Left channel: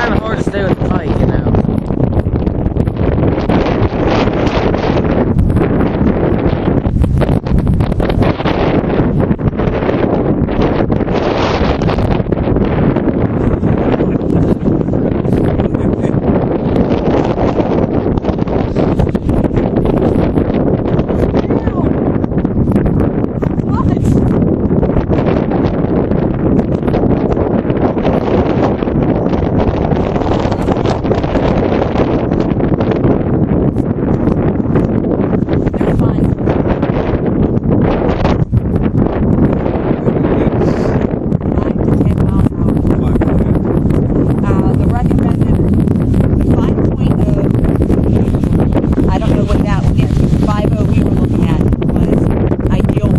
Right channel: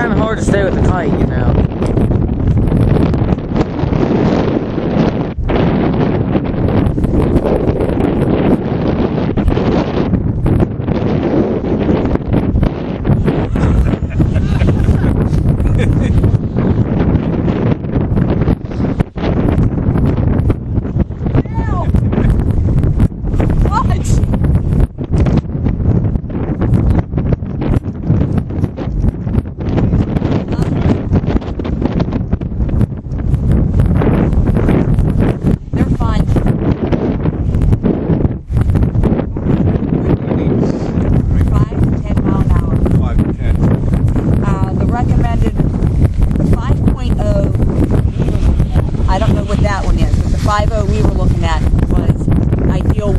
kind of hard to stay with the kite, you know. I don't know what that one is. The 5.0 we were looking at was ideal